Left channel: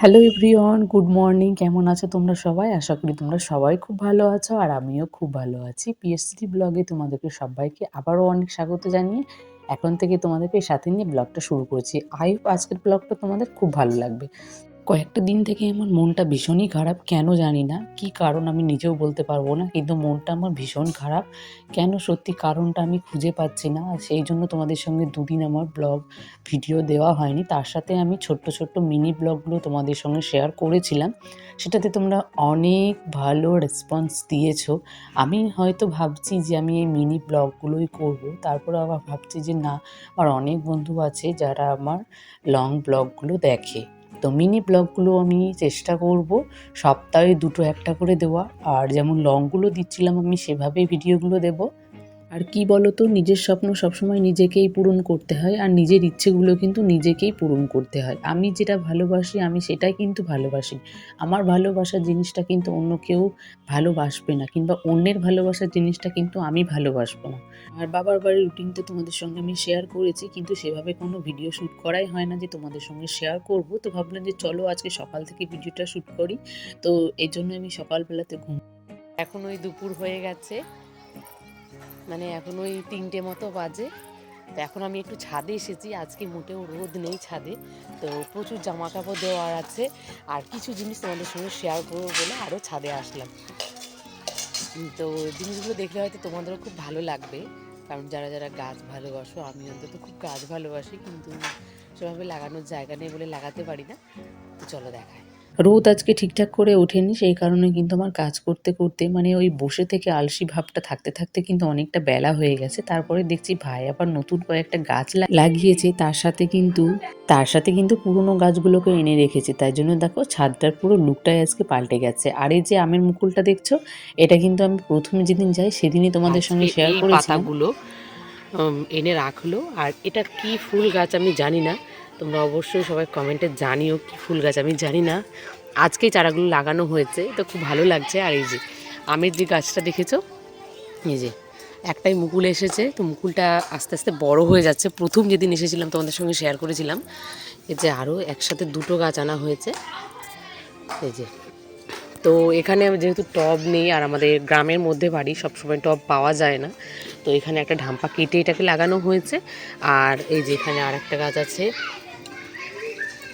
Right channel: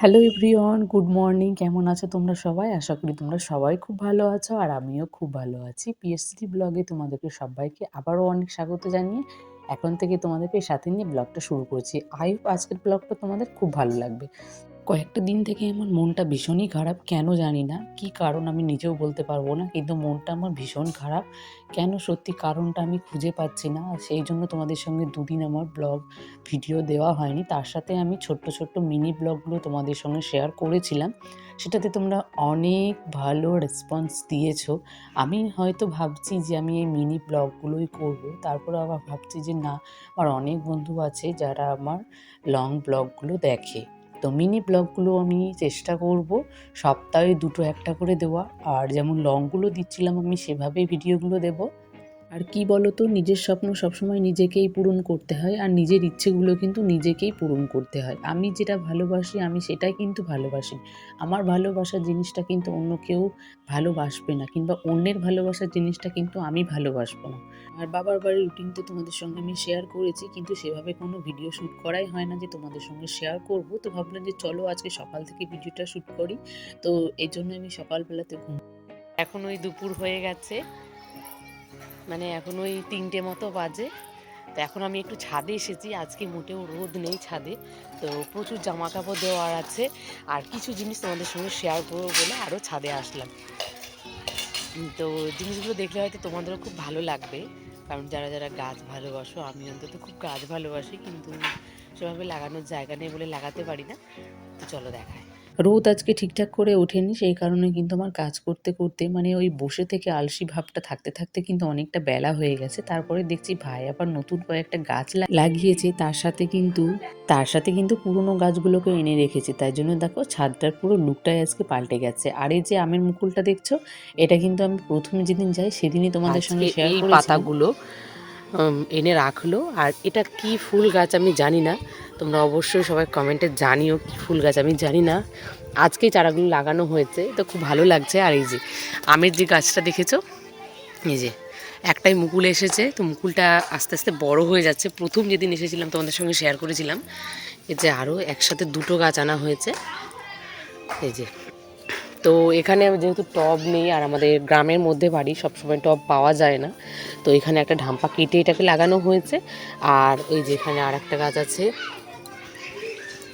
Hello everyone, good morning. কেমন আছো তোমরা সবাই? আশা করি তোমরা সবাই খুব ভালো আছো আর আমিও খুব ভালো আছি। পিএসসিটি ব্লগে তোমাদেরকে সবাইকে আবারও অনেক স্বাগত জানিয়ে এখন থেকে তোমাদেরকে সাথে নিয়ে ব্লগটা শুরু করছি। আই হোপ আজকের ব্লগটা তোমাদের খুব ভালো লাগবে। কয়েকটা দিন থেকে আমার মনটা ভীষণই খারাপ, কেন জানি না, কি কারণ আমি নিজেও বলতে পারবো না, কিন্তু মনটা আমার ভীষণ খারাপ। কেন সত্যি কারণটা আমি খুঁজে পাচ্ছি না, আর সেই জন্য তোমাদের সঙ্গে দুদিন আমার ব্লগ ভিডিও দেওয়া হয়নি। তার সাথে আমি ছোট্ট ছোট্ট মিনি ব্লগগুলো তোমাদের সঙ্গে শেয়ার করেছিলাম, সেটাতে তোমরা অনেক ভালো রেসপন্স দিয়েছো। আমি হয়তো ভাবছি যে আমি এই মিনি ব্লগগুলোই করব, তারপরে আবার ভাবছি যে না, আমার অনেক বন্ধু আছে যারা আমার লং ব্লগগুলো দেখে। তো মিনি ব্লগগুলো আমি চেষ্টা করব সপ্তাহে দুটো একটা করে দেওয়া, আর যেমন লংগুলো দিচ্ছিলাম আমি সেভাবেই ভিডিওগুলো দেব। আর কি বলতো, নিজের স্বপ্ন সবসময় নিজেকেই পূরণ করতে হয়, আর নিজের ইচ্ছেগুলো কিন্তু নিজেকেই পূরণ করতে হয়। আমি যেটা ভালোবাসি আমি সেটাই কিন্তু ভালোবাসি। আমার ভালোবাসার জিনিসটা কিন্তু অন্য কেউ ভালোবাসবে না, কিংবা অন্যের ভালোবাসার জিনিসটা কিন্তু আমি ভালোবাসবো না। আর বাবার বাড়ির রুটিনটা তোমাদের সঙ্গে আমি শেয়ার করেছি, কিন্তু সেভাবে কোনো ভিডিও শ্যুট করাই হয় না যে তোমাদের সঙ্গে শেয়ার করব। তো ভাবলাম যে চলো আজকে সকাল থেকে ভিডিওটা শ্যুট করি। তো এই জন্য আমি সকালবেলাতে এখন ওই দুপুর হয়ে গেছে, মানে এখন ওই 3টে মতো বাজে। তো এখন আমি একটু ছাদে এসেছি, আজকে মোটেও রোদ নেই ছাদে। তো প্রচুর জামা কাপড় দেওয়ার আছে, আর কিছু জিনিস তোমাদের সঙ্গে শেয়ার করবো বলে আরও ছাদে আসলাম। তো জিনিসগুলো দেখলে হয়তো তোমাদেরও খুব ভালো লাগবে, কারণ যারা যারা গাছ ভালোবাসো, আমি অন্তত খুব গাছ ভালোবাসি, কিন্তু সেভাবে লাগানোর জায়গা নেই বলে লাগাতে পারি না। তো চলো দেখায়। রোদ আজকে ঠিকঠাক করে ওঠেনি, সেই কারণে কিন্তু আমার কাজ করতে করতে মানে ওই বসে থেকে আলসি ভাবটা থাকতে থাকতে কিন্তু অনেকটা বেলা হয়ে গেছে। তারপরে দেখছি ভাই আবার নতুন কয়েকটা গাছ লাগিয়েছে, তার সাথে কিন্তু পুরনো গাছগুলোকে এনে রেখেছে। তাই জন্য দেখো ছাদটার পুরো লুকটাই আজকে পাল্টে গেছে। আর এই যে আমের মুকুলটা দেখছো, এটা কিন্তু আমি প্রথম যেদিন যাই সেদিনই তোমাদের সঙ্গে শেয়ার করেছিলাম। পাতাগুলো এনে রাখলো, আর এটা কি ফুল গাছ আমি জানি না, তোমরা অবশ্যই সবাই কমেন্টে জানিও কি ফুল গাছ। আমি জানি না, আজকেই চারাগুলো লাগানো হয়েছে, তো খুব ভালো লাগছে। আর এই যে আমের যে গাছটা দেখেছো, এই যে একটাই মুকুল এসেছে, তো মুকুলটা আস্তে আস্তে বড় হয়ে যাচ্ছে। প্রথম যেদিন এসেছিলাম তোমাদের সঙ্গে শেয়ার করেছিলাম, এই যে আরও একসাথে দুটো গাছ আনা হয়েছে। এই যে, তো এখানে যেহেতু টব নেই, আর আমাদের গ্রামের মধ্যে বাড়ি, সবসময় টব পাওয়া যায় না, তো এখানে একটা ঢাম্পা কেটে এটাকে লাগানো হয়েছে। আর এই যে এখানে আর একটা গাছ আছে,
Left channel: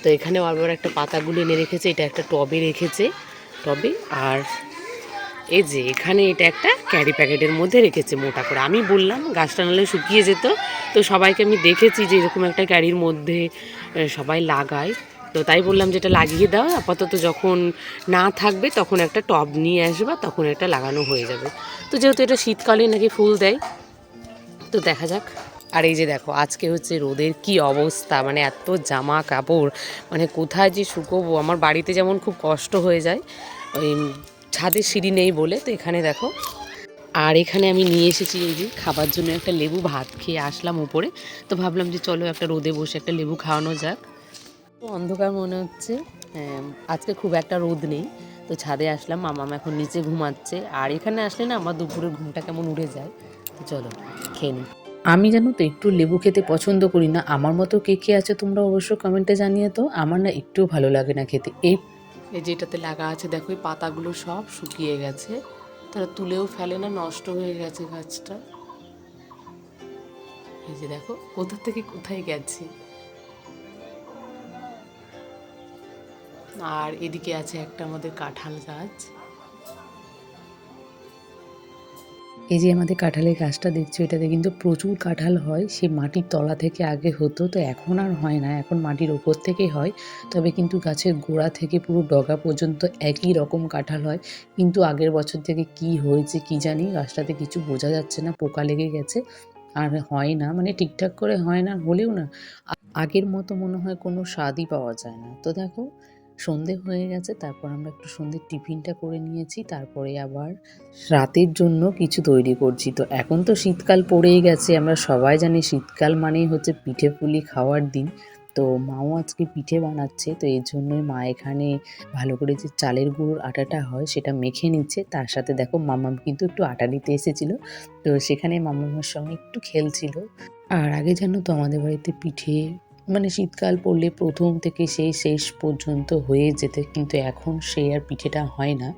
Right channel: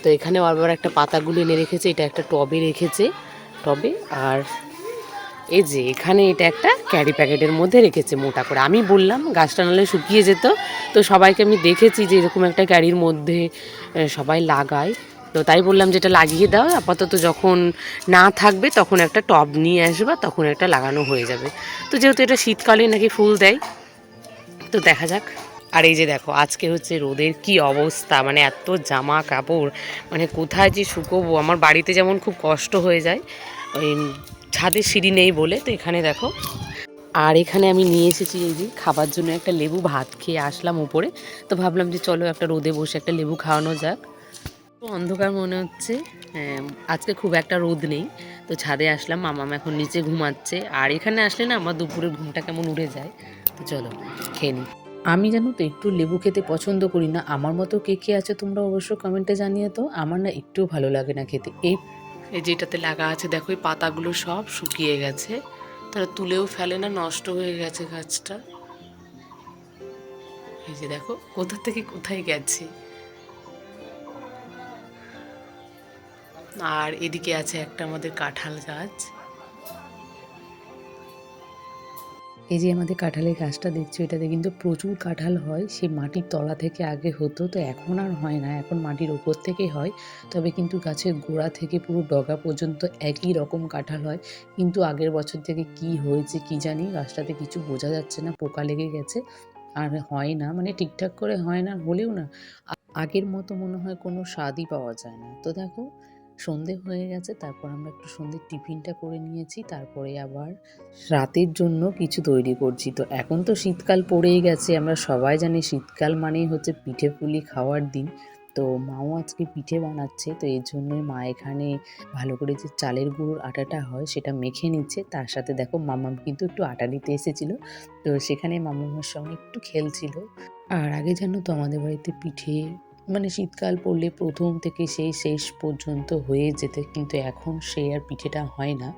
তো এখানে বারবার একটা পাতাগুলো এনে রেখেছে, এটা একটা টবে রেখেছে, টবে। আর এই যে এখানে এটা একটা ক্যারি প্যাকেটের মধ্যে রেখেছে মোটা করে। আমি বললাম গাছটা নাহলে শুকিয়ে যেত, তো সবাইকে আমি দেখেছি যে এরকম একটা ক্যারির মধ্যে সবাই লাগায়, তো তাই বললাম যে এটা লাগিয়ে দাও, আপাতত যখন না থাকবে তখন একটা টব নিয়ে আসবা, তখন এটা লাগানো হয়ে যাবে। তো যেহেতু এটা শীতকালে নাকি ফুল দেয়, তো দেখা যাক। আর এই যে দেখো আজকে হচ্ছে রোদের কি অবস্থা, মানে এত জামা কাপড়, মানে কোথায় যে শুকোবো। আমার বাড়িতে যেমন খুব কষ্ট হয়ে যায়, ওই ছাদে সিঁড়ি নেই বলে, তো এখানে দেখো। আর এখানে আমি নিয়ে এসেছি এই যে খাবার জন্য একটা লেবু, ভাত খেয়ে আসলাম উপরে, তো ভাবলাম যে চলো একটা রোদে বসে একটা লেবু খাওয়ানো যাক। তো অন্ধকার মনে হচ্ছে, হ্যাঁ, আজকে খুব একটা রোদ নেই, তো ছাদে আসলাম। মামাম এখন নিচে ঘুমাচ্ছে, আর এখানে আসলে না আমার দুপুরের ঘুমটা কেমন উড়ে যায়। তো চলো খেয়ে নিই। আমি জানো তো একটু লেবু খেতে পছন্দ করি না, আমার মতো কে কে আছে তোমরা অবশ্য কমেন্টে জানিয়ে। তো আমার না একটুও ভালো লাগে না খেতে। এই যেটাতে লাগা আছে দেখো, এই পাতাগুলো সব শুকিয়ে গেছে, তারা তুলেও ফেলে না, নষ্ট হয়ে গেছে গাছটা। এই যে দেখো কোথা থেকে কোথায় গেছে। আর এদিকে আছে একটা আমাদের কাঁঠাল গাছ। এই যে আমাদের কাঁঠালের গাছটা দেখছো, এটাতে কিন্তু প্রচুর কাঁঠাল হয়। সে মাটির তলা থেকে আগে হতো, তো এখন আর হয় না, এখন মাটির ওপর থেকেই হয়। তবে কিন্তু গাছের গোড়া থেকে পুরো ডগা পর্যন্ত একই রকম কাঁঠাল হয়। কিন্তু আগের বছর থেকে কি হয়েছে কি জানি, গাছটাতে কিছু বোঝা যাচ্ছে না, পোকা লেগে গেছে, আর হয় না, মানে ঠিকঠাক করে হয় না। হলেও না আগের মতো মনে হয় কোনো স্বাদই পাওয়া যায় না। তো দেখো সন্ধে হয়ে গেছে, তারপর আমরা একটু সন্ধ্যের টিফিনটা করে নিয়েছি, তারপরে আবার রাতের জন্য কিছু তৈরি করছি। তো এখন তো শীতকাল পড়েই গেছে, আমরা সবাই জানি শীতকাল মানেই হচ্ছে পিঠে পুলি খাওয়ার দিন। তো মাও আজকে পিঠে বানাচ্ছে, তো এই জন্যই মা এখানে ভালো করে যে চালের গুঁড়োর আটাটা হয় সেটা মেখে নিচ্ছে। তার সাথে দেখো মামাম কিন্তু একটু আটা নিতে এসেছিল, তো সেখানে মামামের সঙ্গে একটু খেলছিল। আর আগে জানো তো আমাদের বাড়িতে পিঠে মানে শীতকাল পড়লে প্রথম থেকে সেই শেষ পর্যন্ত হয়ে যেত, কিন্তু এখন সেই আর পিঠেটা হয় না।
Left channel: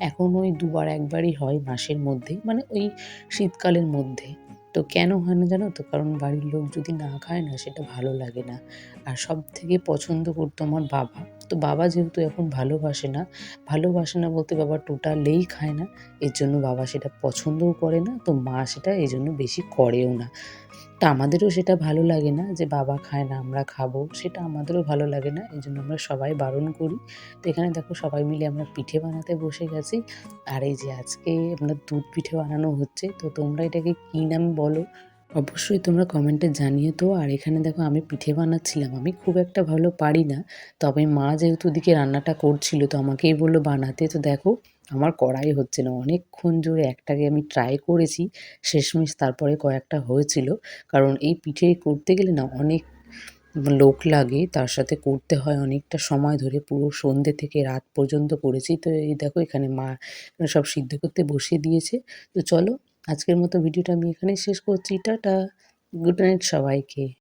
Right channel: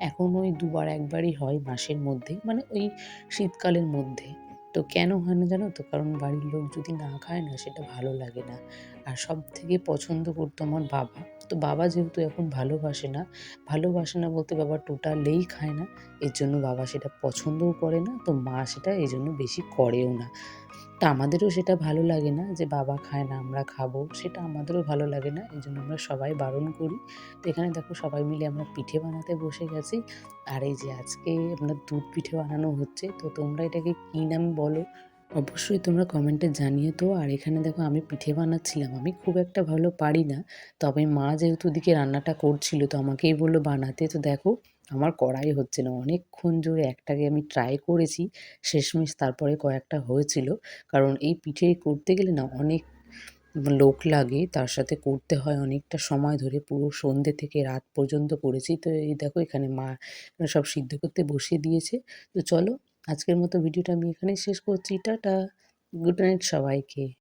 এখন ওই দুবার একবারই হয় মাসের মধ্যে, মানে ওই শীতকালের মধ্যে। তো কেন হয় না জানো তো? কারণ বাড়ির লোক যদি না খায় না, সেটা ভালো লাগে না। আর সবথেকে পছন্দ করতো আমার বাবা। তো বাবা যেহেতু এখন ভালোবাসে না বলতে বাবা টোটালেই খায় না। এর জন্য বাবা সেটা পছন্দও করে না। তো মা সেটা এজন্য বেশি করেও না। তা আমাদেরও সেটা ভালো লাগে না যে বাবা খায় না আমরা খাবো, সেটা আমাদেরও ভালো লাগে না। এজন্য আমরা সবাই বারণ করি। তো এখানে দেখো সবাই মিলে আমরা পিঠে বানাতে বসে গেছি। আর এই যে আজকে আমরা দুধ পিঠে বানানো হচ্ছে। তো তোমরা এটাকে কী নাম বলো? অবশ্যই তোমরা কমেন্টে জানিও তো। আর এখানে দেখো আমি পিঠে বানাচ্ছিলাম। আমি খুব একটা ভালো পারি না। তবে মা যেহেতু ওদিকে রান্নাটা করছিল তো আমাকেই বলল বানাতে। তো দেখো আমার করাই হচ্ছে না। অনেকক্ষণ জোরে একটাকে আমি ট্রাই করেছি। শেষমেশ তারপরে কয়েকটা হয়েছিল। কারণ এই পিঠে করতে গেলে না অনেক লোক লাগে, তার সাথে করতে হয় অনেকটা সময় ধরে। পুরো সন্ধ্যে থেকে রাত পর্যন্ত করেছি। তো এই দেখো এখানে মা সব সিদ্ধ করতে বসিয়ে দিয়েছে। তো চলো আজকের মতো ভিডিওটা আমি এখানেই শেষ করছি। টাটা, গুড নাইট সবাইকে।